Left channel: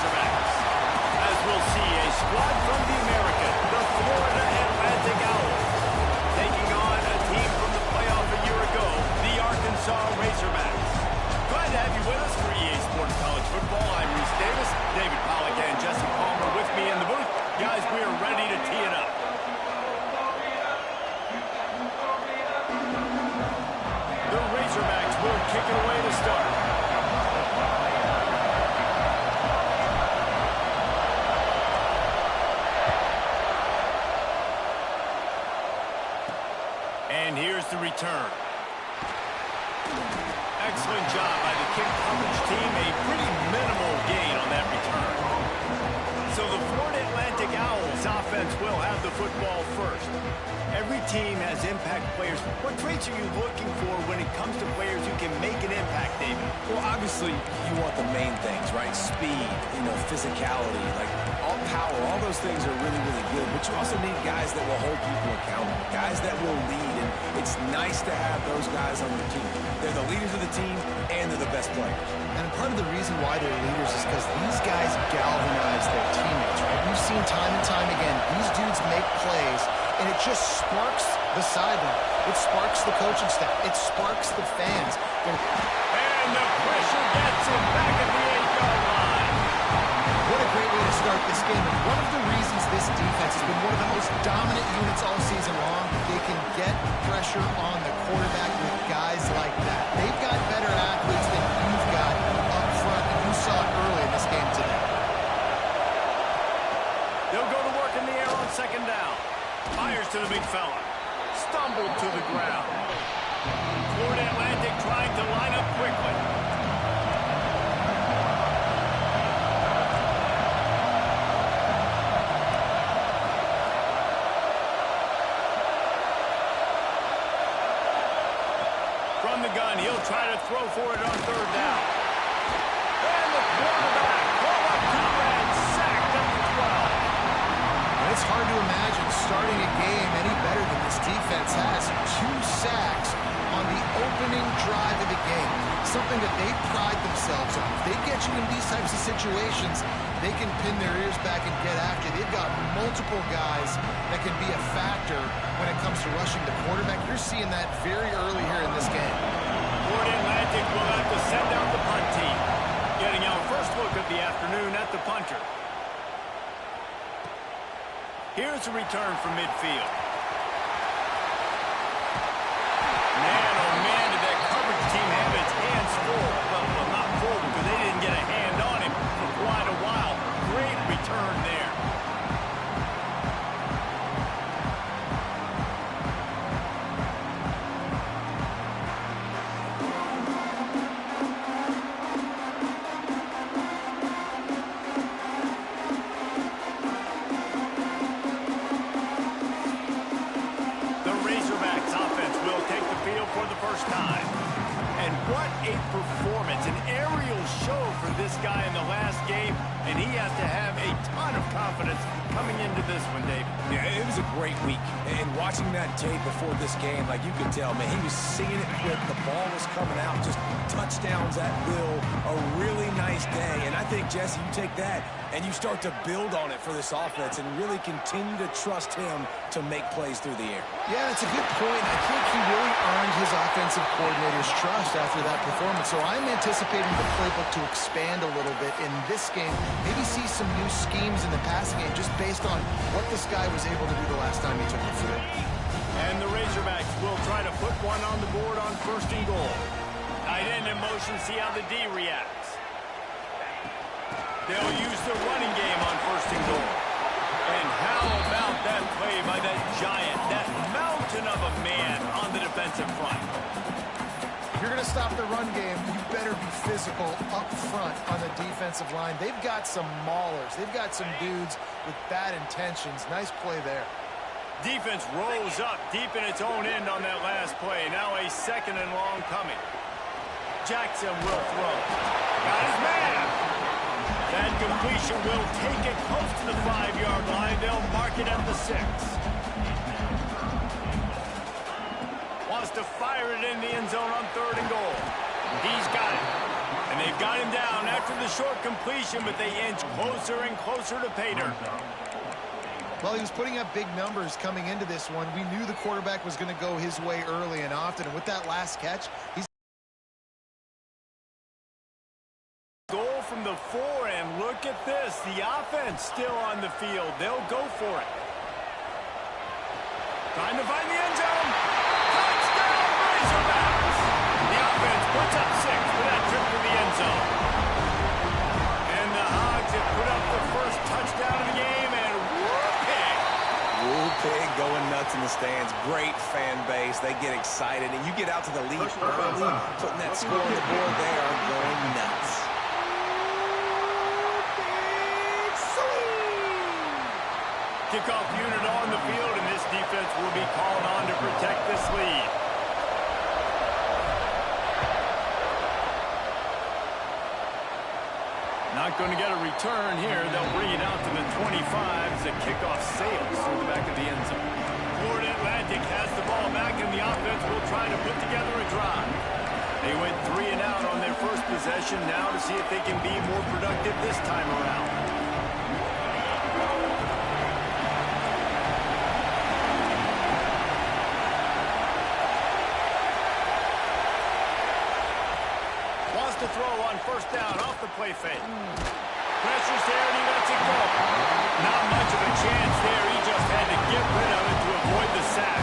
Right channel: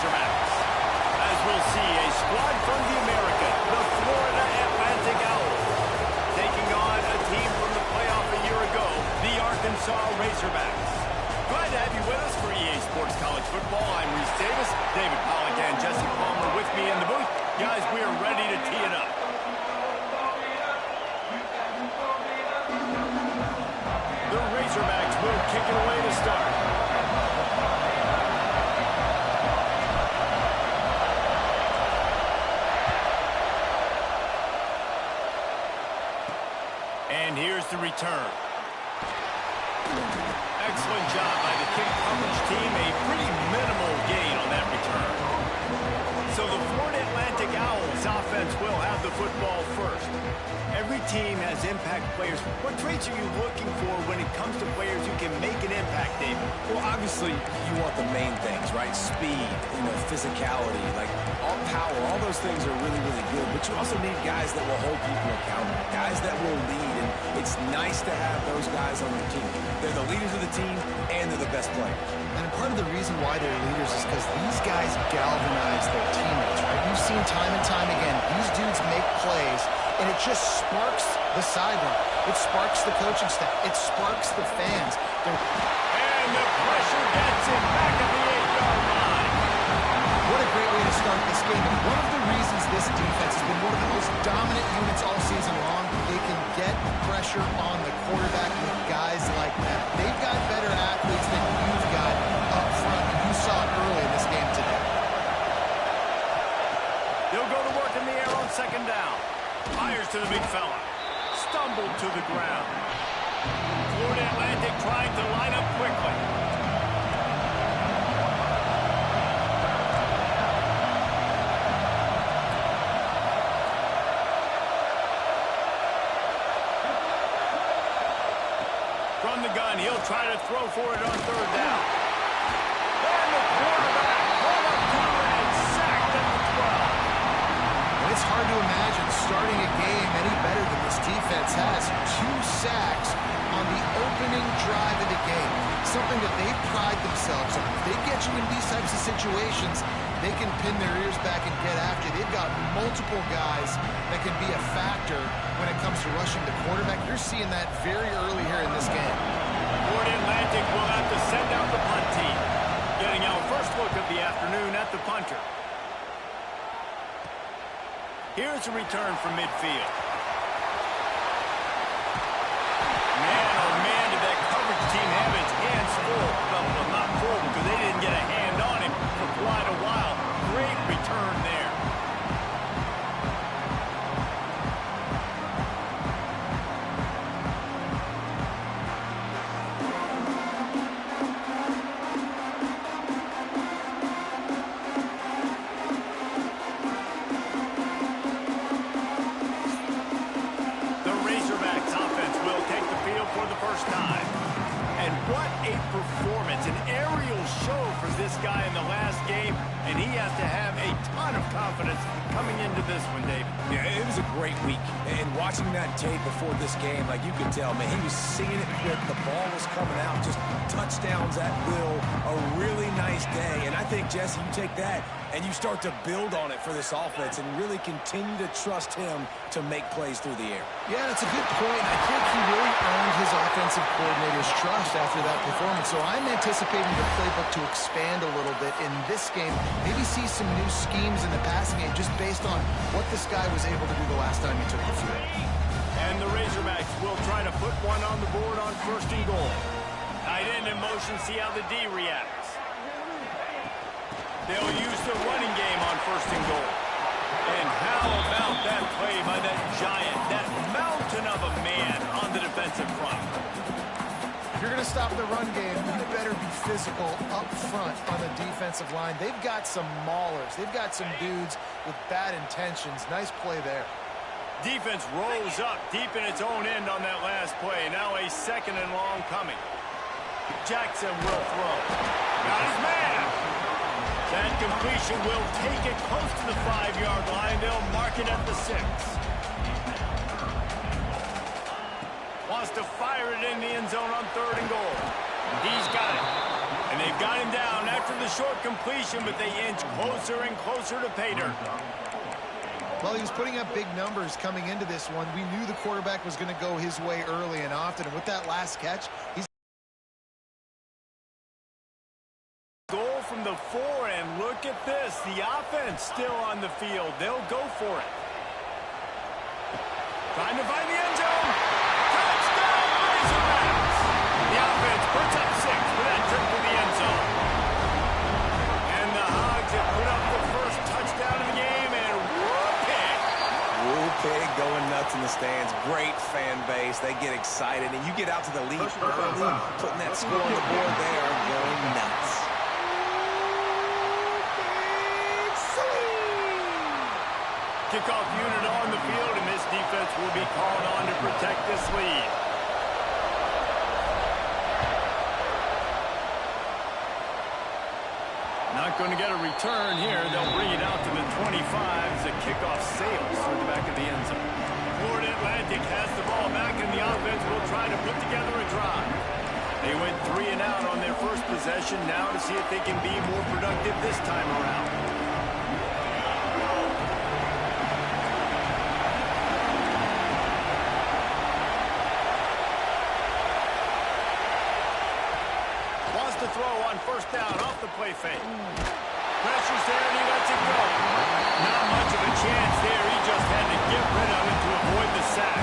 Razorbacks. As we'll see, a squad from the American, the Florida Atlantic Owls, taking on a team from the playoff a year ago, the Arkansas Razorbacks. Glad to have you with us for EA Sports College Football. I'm Reese Davis, David Pollack, and Jesse Palmer with me in the booth. Guys, we are ready to tee it up. The Razorbacks will kick it away to start. And here's the return. Excellent job by the kick coverage team. A pretty minimal gain on that return. So the Florida Atlantic Owls offense will have the football first. Every team has impact players. What traits are you looking for when it comes to players who can make an impact, David? Well, obviously, you want the main things, right? Speed, physicality, like all power, all those things are really, really good. But you also need guys that will hold people accountable, guys that will lead. And it's nice to have those guys on your team. They're the leaders of the team, and they're the best players. And part of the reason why they're leaders is because these guys galvanize their teammates, right? You've seen time and time again, these dudes make plays, and it just sparks the sideline. It sparks the coaching staff. It sparks the fans. And the pressure gets him back at the 8-yard line. What a great way to start this game. And one of the reasons this defense has been one of the most dominant units all season long, they can get pressure on the quarterback with guys like that. They've got better athletes than you've got up front, and you saw it early in this game today. They'll go to work in the air on second down. Fires to the big fella. Stumbled to the ground. Florida Atlantic trying to line up quickly. From the gun, he'll try to throw for it on third down. And the quarterback pulled up to and sacked at the 12. It's hard to imagine starting a game any better than this defense has. 2 sacks on the opening drive of the game. Something that they pride themselves on. If they get you in these types of situations, they can pin their ears back and get after. They've got multiple guys that can be a factor when it comes to rushing the quarterback. You're seeing that very early here in this game. Florida Atlantic will have to send out the punt team. Getting our first look of the afternoon at the punter. Here's a return from midfield. Man, oh man, did that coverage team have its hands full. Well, not full because they didn't get a hand on him for quite a while. Great return there. For the first time. And what a performance, an aerial show for this guy in the last game, and he has to have a ton of confidence coming into this one, David. Yeah, it was a great week, and watching that tape before this game, like you could tell, man, he was seeing it quick, the ball was coming out, just touchdowns at will, a really nice day, and I think, Jesse, you take that and you start to build on it for this offense and really continue to trust him to make plays through the air. Yeah, that's a good point. I think he really earned his offensive coordinator's trust after that performance. So I'm anticipating the playbook to expand a little bit in this game. Maybe see some new schemes in the passing game just based on what this guy was able to do the last time he took the field. And the Razorbacks will try to put one on the board on first and goal. Tight end in motion, see how the D reacts. They'll use the running game on first and goal. And how about that play by that giant, that mountain of a man on the defensive front? If you're going to stop the run game, you better be physical up front on the defensive line. They've got some maulers. They've got some dudes with bad intentions. Nice play there. Defense rolls up deep in its own end on that last play. Now a second and long coming. Jackson will throw. Got his man. That completion will take it close to the 5-yard line. They'll mark it at the 6. Wants to fire it in the end zone on third and goal. He's got it. And they've got him down after the short completion, but they inch closer and closer to pay dirt. Well, he was putting up big numbers coming into this one. We knew the quarterback was going to go his way early and often, and with that last catch, he's goal from the 4, and look at this. The offense still on the field. They'll go for it. Trying to find the end zone. Touchdown, Razorbacks! The offense puts up 6 for that trip to the end zone. And the Hogs have put up the first touchdown of the game, and whoop-pig! Whoop-pig going nuts in the stands. Great fan base. They get excited, and you get out to the lead early, putting that score on the board, they are going nuts. Kickoff unit on the field, and this defense will be called on to protect this lead. Not going to get a return here. They'll bring it out to the 25 as the kickoff sails through the back of the end zone. Florida Atlantic has the ball back, and the offense will try to put together a drive. They went 3 and out on their first possession, now to see if they can be more productive this time around. To throw on first down off the play fake. Pressure's there and he lets it go. Not much of a chance there. He just had to get rid of it to avoid the sack.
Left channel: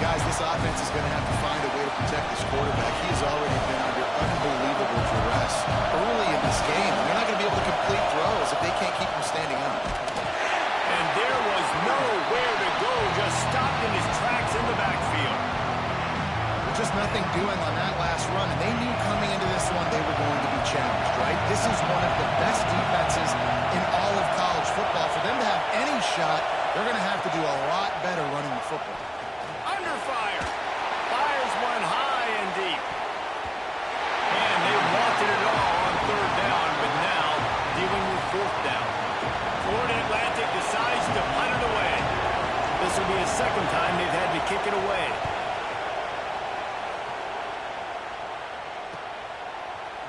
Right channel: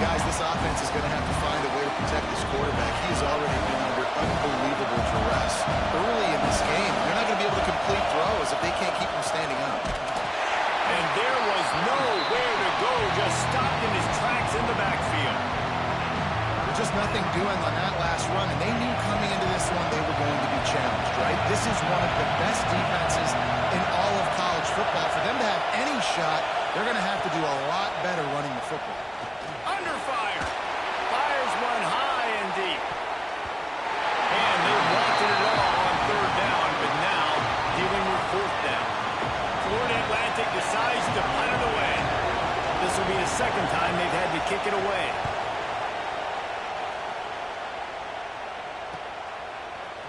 Guys, this offense is going to have to find a way to protect this quarterback. He has already been under unbelievable duress early in this game. And they're not going to be able to complete throws if they can't keep him standing up. And there was nowhere to go. Just stopped in his tracks in the backfield. Just nothing doing on that last run, and they knew coming into this one they were going to be challenged, right? This is one of the best defenses in all of college football. For them to have any shot, they're going to have to do a lot better running the football. Under fire. Fires one high and deep. And they wanted it all on third down, but now dealing with fourth down. Florida Atlantic decides to punt it away. This will be the second time they've had to kick it away.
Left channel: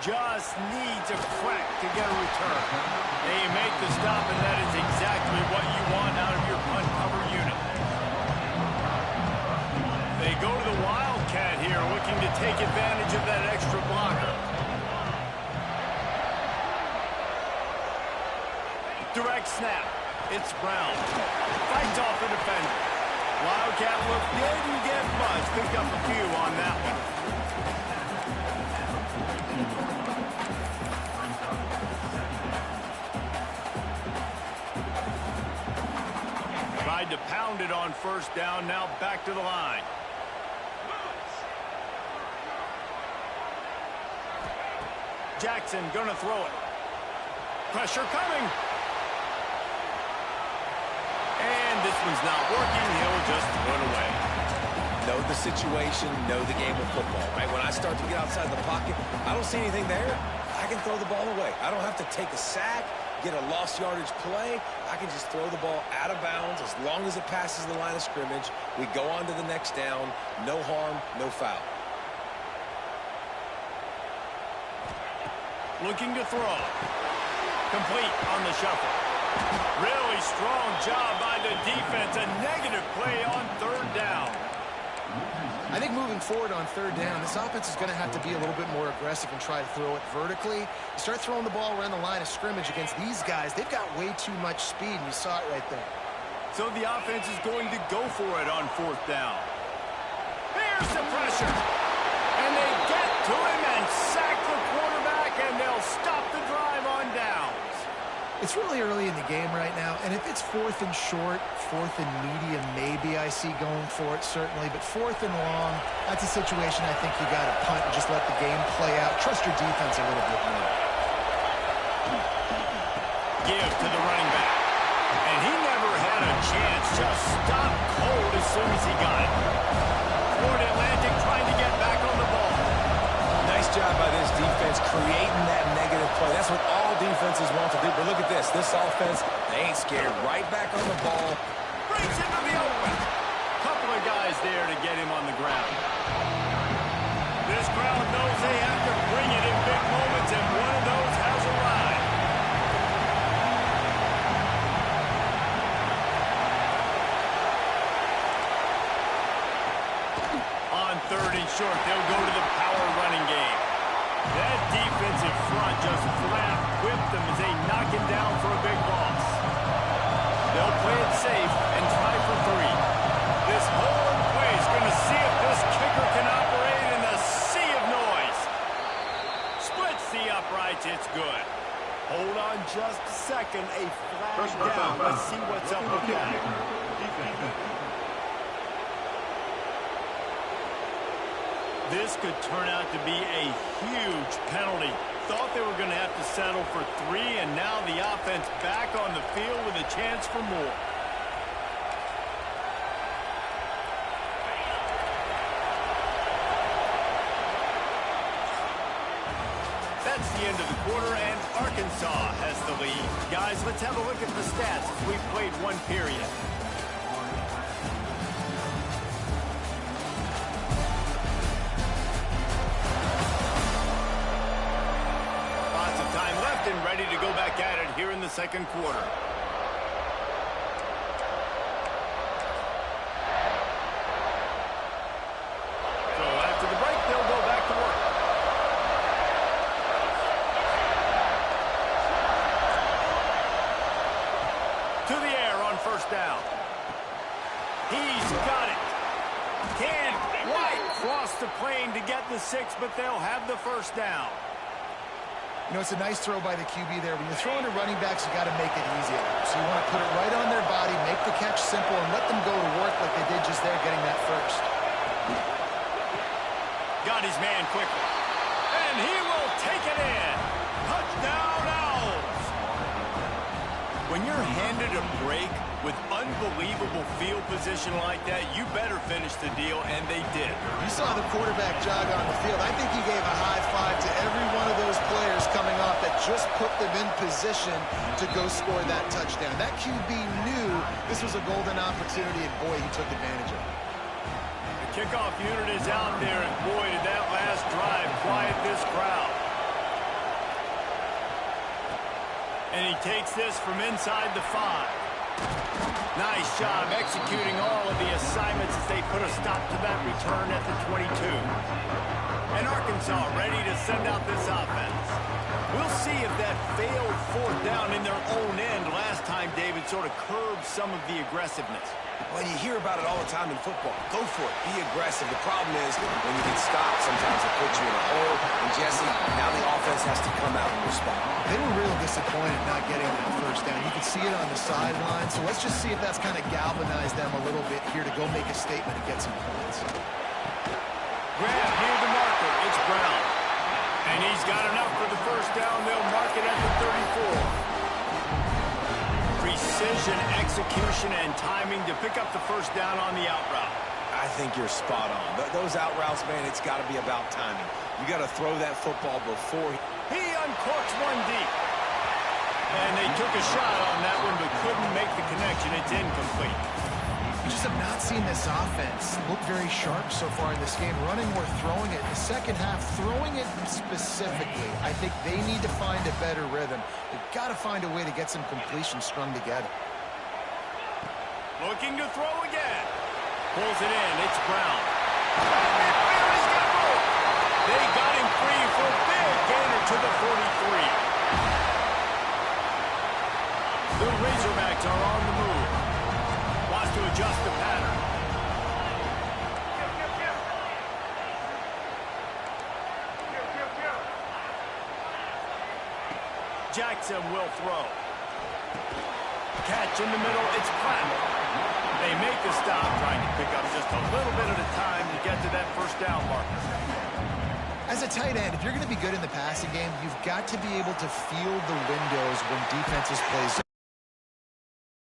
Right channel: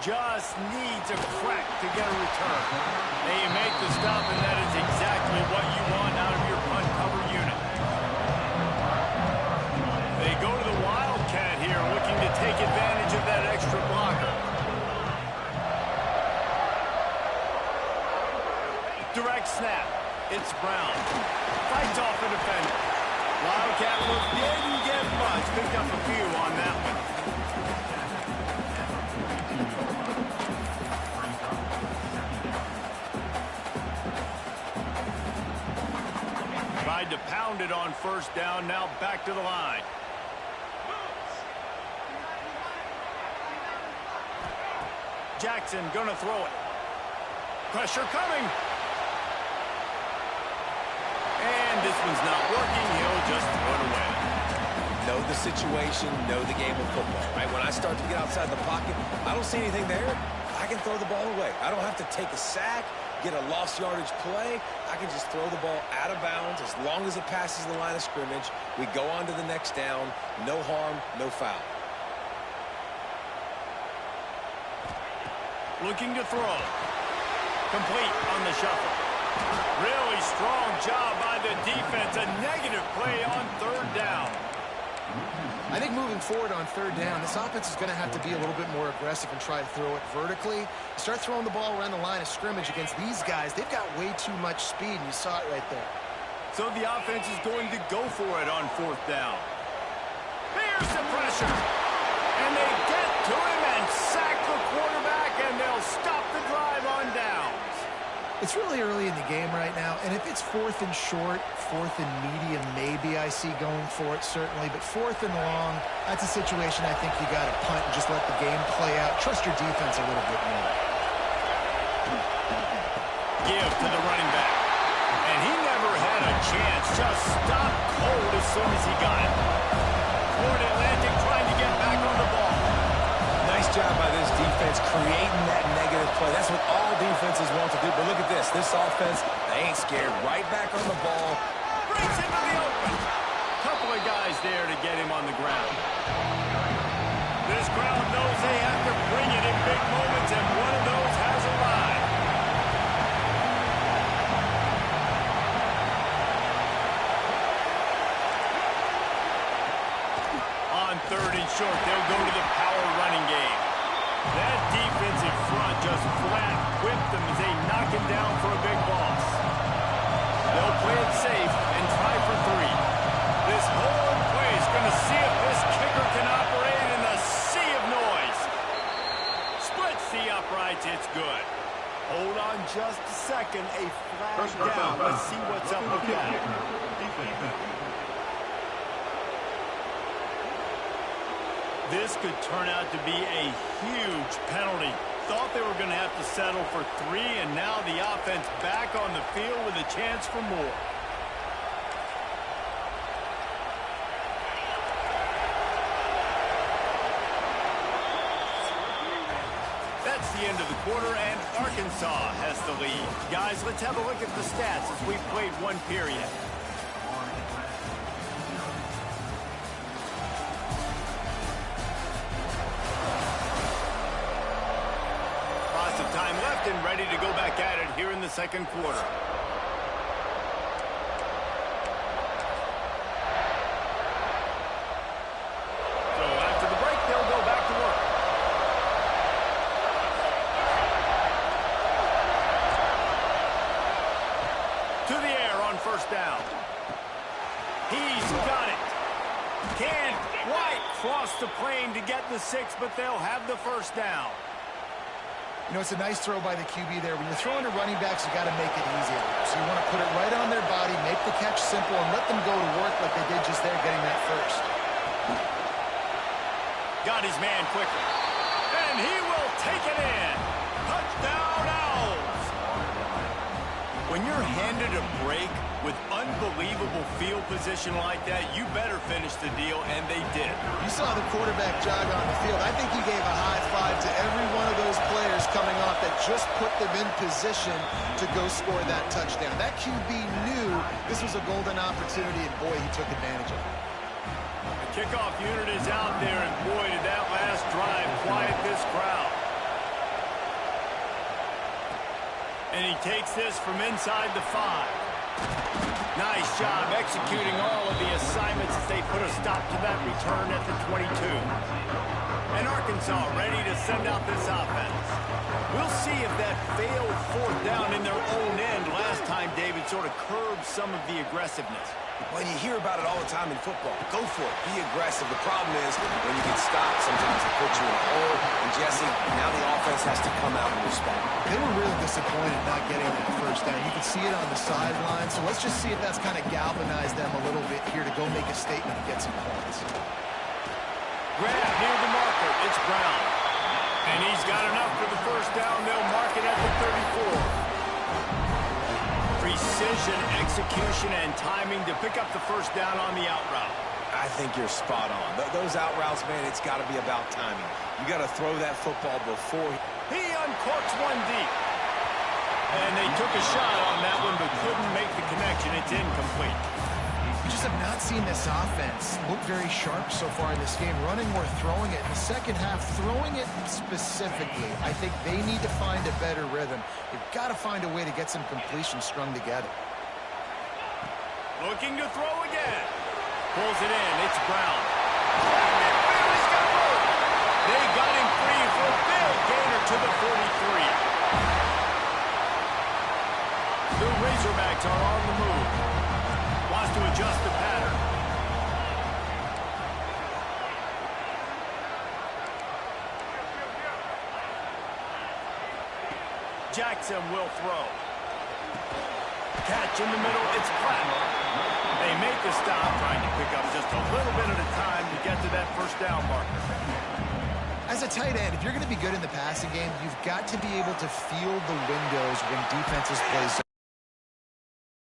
Just needs a crack to get a return. They make the stop, and that is exactly what you want out of your punt cover unit. They go to the Wildcat here, looking to take advantage of that extra blocker. Direct snap. It's Brown. Fights off the defender. Wildcat look didn't get much. Picked up a few on that one. Tried to pound it on first down, now back to the line. Jackson gonna throw it. Pressure coming. And this one's not working, he'll just throw it away. Know the situation, know the game of football, right? When I start to get outside the pocket, I don't see anything there, I can throw the ball away. I don't have to take a sack, get a lost yardage play. I can just throw the ball out of bounds as long as it passes the line of scrimmage. We go on to the next down. No harm, no foul. Looking to throw. Complete on the shuffle. Really strong job by the defense. A negative play on third down. I think moving forward on third down, this offense is going to have to be a little bit more aggressive and try to throw it vertically. You start throwing the ball around the line of scrimmage against these guys, they've got way too much speed, and you saw it right there. So the offense is going to go for it on fourth down. Here's the pressure. And they get to him and sack the quarterback, and they'll stop the drive on downs. It's really early in the game right now, and if it's fourth and short, fourth and medium, maybe I see going for it, certainly. But fourth and long, that's a situation I think you got to punt and just let the game play out. Trust your defense a little bit more. Give to the running back. And he never had a chance. Just stopped cold as soon as he got it. Florida Atlantic trying to get back on the ball. Nice job by this defense creating that negative play. That's what all defenses want to do. But look at this. This offense, they ain't scared. Right back on the ball. Brings him to the open. Couple of guys there to get him on the ground. This crowd knows they have to bring it in big moments, and one of those has arrived. On 3rd and short, they'll go to the power running game. That defensive front just flat whipped them as they knock him down for a big loss. They'll play it safe and try for 3. This whole play is going to see if this kicker can operate in the sea of noise. Splits the uprights. It's good. Hold on just a second. A flag down. Let's see what's up with that. This could turn out to be a huge penalty. Thought they were going to have to settle for 3, and now the offense back on the field with a chance for more. That's the end of the quarter, and Arkansas has the lead. Guys, let's have a look at the stats as we've played 1 period. Lots of time left and ready to go back at it here in the 2nd quarter. So after the break, they'll go back to work. To the air on 1st down. He's got it. Can White cross the plane to get the 6, but they'll have the 1st down. You know, it's a nice throw by the QB there. When you're throwing to running backs, you got to make it easy on them. So you want to put it right on their body, make the catch simple, and let them go to work like they did just there, getting that 1st. Got his man quickly. And he will take it in. Touchdown, Owls. When you're handed a break with unbelievable field position like that, you better finish the deal, and they did. You saw the quarterback jog on the field. I think he gave a high five to every one of those players coming off that just put them in position to go score that touchdown. That QB knew this was a golden opportunity, and boy, he took advantage of it. The kickoff unit is out there, and boy, did that last drive quiet this crowd. And he takes this from inside the 5. Nice job executing all of the assignments as they put a stop to that return at the 22. And Arkansas ready to send out this offense. We'll see if that failed 4th down in their own end last time, David, sort of curbed some of the aggressiveness. Well, you hear about it all the time in football. Go for it. Be aggressive. The problem is when you get stopped, sometimes it puts you in a hole. And, Jesse, now the offense has to come out and respond. They were really disappointed not getting that 1st down. You could see it on the sideline. So let's just see if that's kind of galvanized them a little bit here to go make a statement and get some points. Grab near the marker. It's Brown. And he's got enough for the 1st down. They'll mark it at the 34. Precision, execution, and timing to pick up the 1st down on the out route. I think you're spot on. Those out routes, man, it's got to be about timing. You got to throw that football before he uncorks one deep. And they took a shot on that one, but couldn't make the connection. It's incomplete. We just have not seen this offense look very sharp so far in this game, running or throwing it. In the 2nd half, throwing it specifically, I think they need to find a better rhythm. They've got to find a way to get some completions strung together. Looking to throw again. Pulls it in. It's Brown. He's got room. They got him free for a big gainer to the 43. The Razorbacks are on the move. Wants to adjust the pattern. Jackson will throw. Catch in the middle. It's Platt. They make the stop, trying to pick up just a little bit at a time to get to that 1st down marker. As a tight end, if you're going to be good in the passing game, you've got to be able to feel the windows when defenses play zone.